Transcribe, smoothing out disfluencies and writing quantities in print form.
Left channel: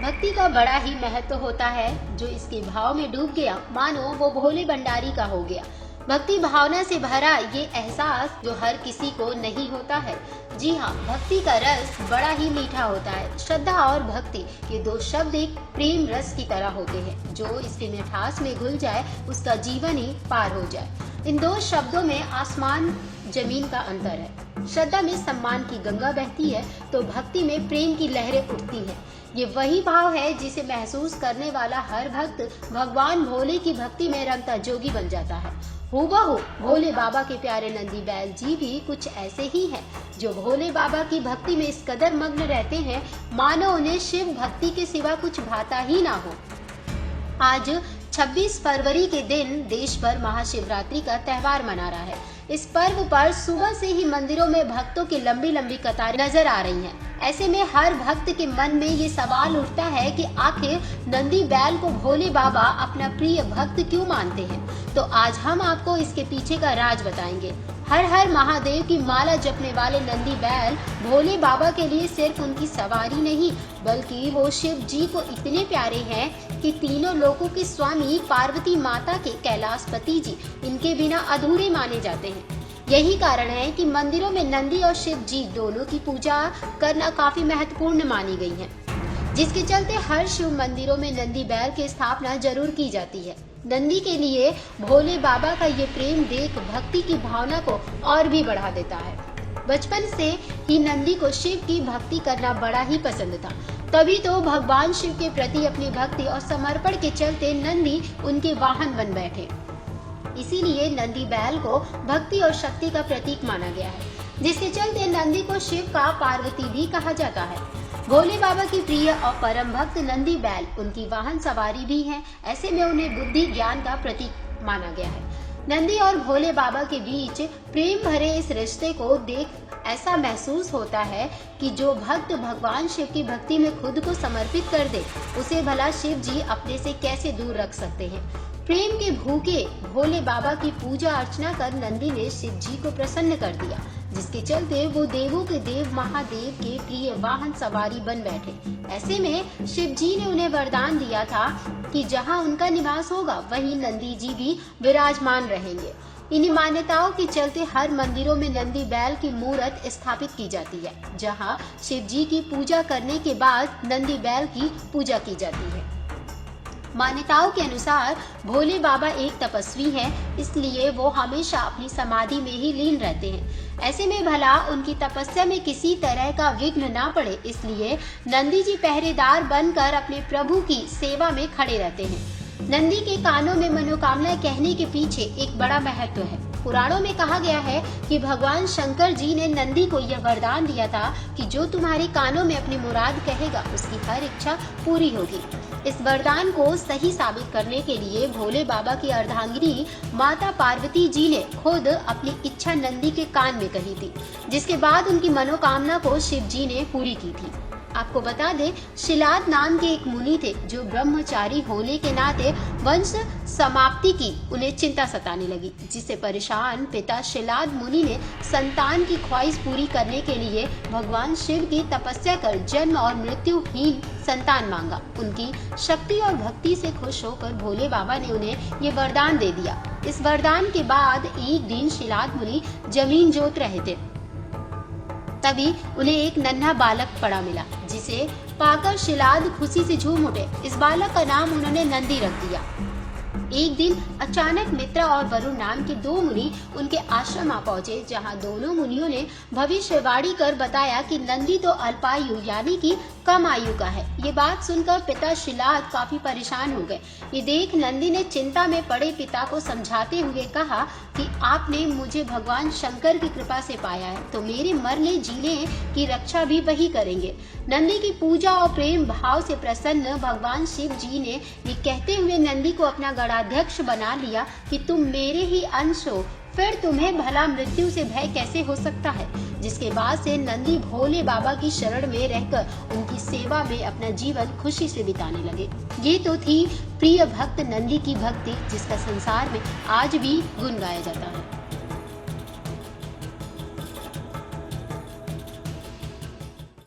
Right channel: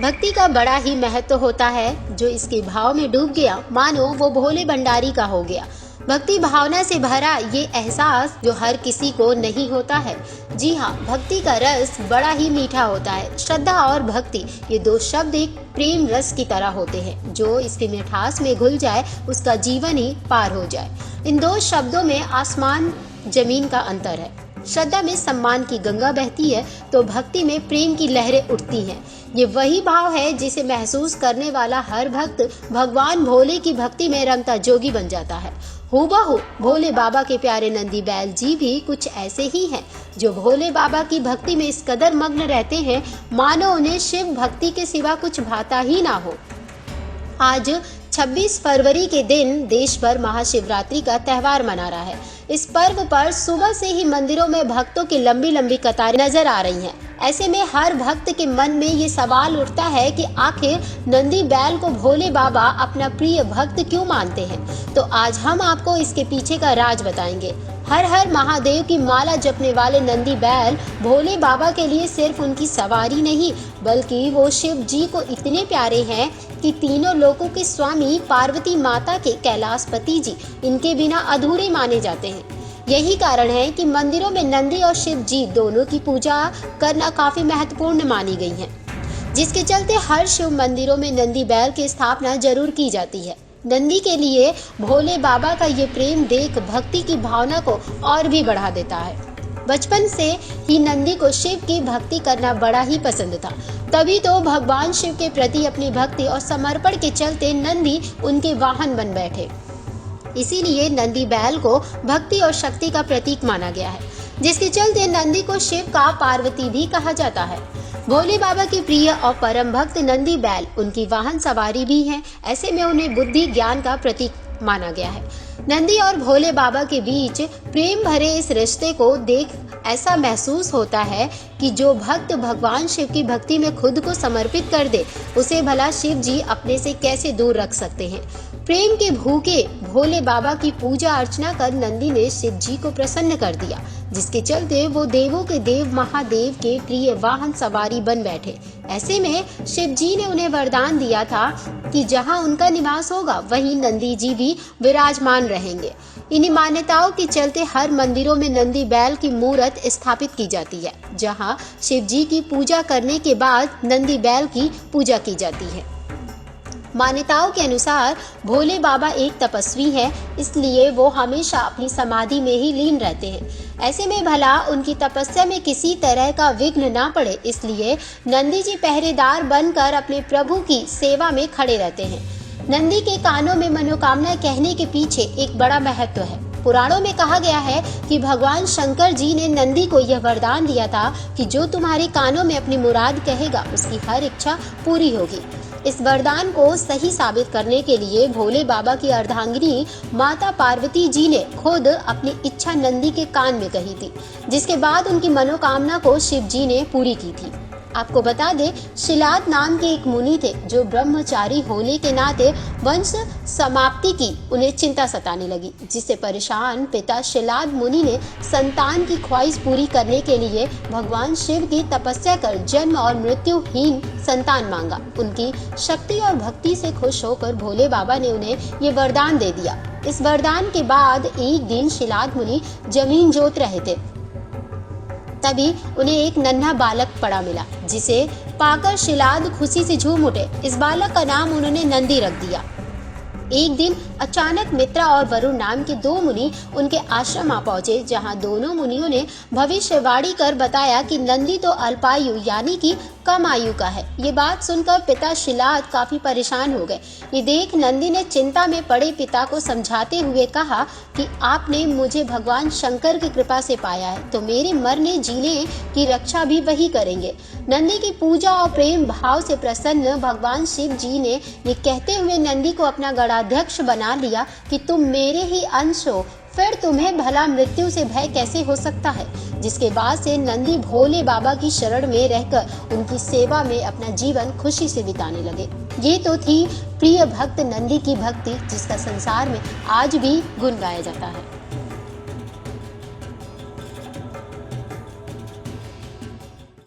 भक्ति का बड़ा ही महत्व होता है। जो इसके भाव में डूब गया मानो वो भोले भंडारी का हो गया। भक्ति भावना से भरा ये एहसास जो हर किसी को नहीं होता है। जी हाँ, भक्ति का रस बड़ा ही मीठा होता है। श्रद्धा और भक्ति ये दो शब्द एक प्रेम रस की तरह होते हैं। जो इसकी मिठास में घुल जाए उसका जीवन ही पार हो जाए। इन दो शब्दों में आसमान जमीन का अंतर है। श्रद्धा में सम्मान की गंगा बहती है तो भक्ति में प्रेम की लहरें उठती हैं। ये वही भाव है जिसे महसूस करने वाला हर भक्त भगवान भोले की भक्ति में रमता जोगी बन जाता है। हूबहू भोले बाबा के प्यारे नंदी बैल जी भी कुछ ऐसे ही हैं, जो भोले बाबा की भक्ति में इस कदर मग्न रहते हैं मानो उन्हें शिव भक्ति के सिवा कुछ भाता ही ना हो। आज 26 फरवरी के दिन देश भर महाशिवरात्रि का त्योहार मना रहा है। इस पर्व पर सुबह से ही मंदिरों में भक्तों की लंबी लंबी कतारें नजर आ रही हैं। ऐसे में हर भक्त के मन में ये सवाल उठता है कि आखिर नंदी बैल को भोले बाबा अपना प्रिय भक्त क्यों मानते हैं। तो आज हम आपको इसके पीछे का राज बताएंगे। हर हर महादेव की माला जपने वाले नंदी बैल भोले बाबा के लिए सिर्फ उनकी सवारी नहीं, बल्कि वो शिव जी को इतने प्यारे हैं कि तीनों लोकों के स्वामी पार्वती माता के कैलाशपति जी इनके बिना अधूरे माने जाते हैं। यही कारण है कि मंदिरों में नंदी और शिव जी दोनों की पूजा करना काफी महत्वपूर्ण मानी गई है, जिसके चलते हर शिव मंदिरों में नंदी बैल की स्थापना जरूर की जाती है। नंदी के लिए भोले बाबा का ये प्रेम देख भक्ति की भावना को और भी बढ़ा देता है। बचपन से ही नंदी को शिव की भक्ति करना बड़ा ही पसंद था, तभी तो भगवान शिव के प्रति अपनी भक्ति और समर्पण के चलते नंदी उनके वाहन बन बैठे। इसीलिए नंदी बैल को भक्ति और शक्ति का प्रतीक माना गया है, जिसके चलते नंदी को शिव का पार्वती भी कहा जाता है। भोले बाबा के प्रिय और परम भक्त नंदी बैल उनकी वाहन सवारी भी है। ऐसे में उन्हें बुद्धि ज्ञान का प्रतीक माना गया है। नंदी और भोले बाबा के बीच प्रेम भरे इस रिश्ते को देख ऐसा महसूस होता है कि जो भक्त भगवान शिव की भक्ति में खुद को समर्पित कर दे, उसे भला शिव जी अपने से कैसे दूर रख सकते हैं। प्रेम के भूखे भोले बाबा की पूजा अर्चना कर नंदी ने शिव जी को प्रसन्न कर दिया, जिसके चलते वो देवों के देव महादेव के प्रिय वाहन सवारी बन बैठे। ऐसे में शिव जी ने उन्हें वरदान दिया था कि जहां उनका निवास होगा वहीं नंदी जी भी विराजमान रहेंगे। इन्हीं मान्यताओं के चलते हर मंदिरों में नंदी बैल की मूर्त स्थापित की जाती है, जहां शिव जी की पूजा करने के बाद नंदी बैल की पूजा की जाती है। मान्यताओं के अनुसार भोले बाबा एक तपस्वी हैं, इसलिए वो हमेशा अपनी समाधि में ही लीन रहते हैं। ऐसे में भला उनकी तपस्या में किसी तरह का विघ्न ना पड़े, इसलिए नंदी जी पहरेदार बनकर अपने प्रभु की सेवा में खड़े रहते हैं। नंदी के कानों में मनोकामना कहने के पीछे एक बड़ा महत्व है। पुराणों में कहा गया है कि भगवान शंकर जी ने नंदी को यह वरदान दिया था कि जो तुम्हारे कानों में अपनी मुराद कहेगा उसकी हर इच्छा पूरी होगी। इस वरदान को सही साबित करने के लिए भोले बाबा की अर्धांगिनी माता पार्वती जी ने खुद अपनी इच्छा नंदी के कान में कही थी, जिसके बाद उनकी मनोकामना को शिव जी ने पूरी की थी। आपको बता दें, शिलाद नाम के एक मुनि थे जो ब्रह्मचारी होने के नाते वंश समाप्ति की उन्हें चिंता सताने लगी, जिससे परेशान पिता शिलाद मुनि ने संतान की ख्वाहिश पूरी करने के लिए भगवान शिव की तपस्या कर जन्म और मृत्युहीन संतान मांगा। उनकी शक्ति और भक्ति से खुश होकर भोले बाबा ने उन्हें ये वरदान दे दिया। इस वरदान के बाद एक दिन शिलाद मुनि जमीन जोत रहे थे, तभी उन्हें एक नन्हा बालक पड़ा मिला, जिसे पाकर शिलाद खुशी से झूम उठे। इस बालक का नाम उन्होंने नंदी रख दिया। एक दिन अचानक मित्रा और वरुण नाम के दो मुनि उनके आश्रम आ पहुंचे, जहां दोनों मुनियों ने भविष्यवाणी कर बताया कि नंदी तो अल्पायु यानी कि कम आयु का है। ये बात सुनकर पिता शिलाद काफी परेशान हो गए। ये देख नंदी ने चिंता में पड़े पिता को समझाते हुए कहा कि आपने मुझे भगवान शंकर की कृपा से पाया है, तो मेरे मरने जीने की रक्षा भी वही करेंगे। नंदी की पूजा और प्रेम भाव से प्रसन्न भगवान शिव जी ने ये कहते हुए नंदी को अपना गणाध्यक्ष बना लिया कि तुम मेरे ही अंश हो, फिर तुम्हें भला मृत्यु से भय कैसे हो सकता है। जिसके बाद से नंदी भोले बाबा की शरण में रहकर उनकी सेवा में अपना जीवन खुशी से बिताने लगे। ये तो थी प्रिय भक्त नंदी की भक्ति, जिसका संसार में आज भी गुण गाया जाता है।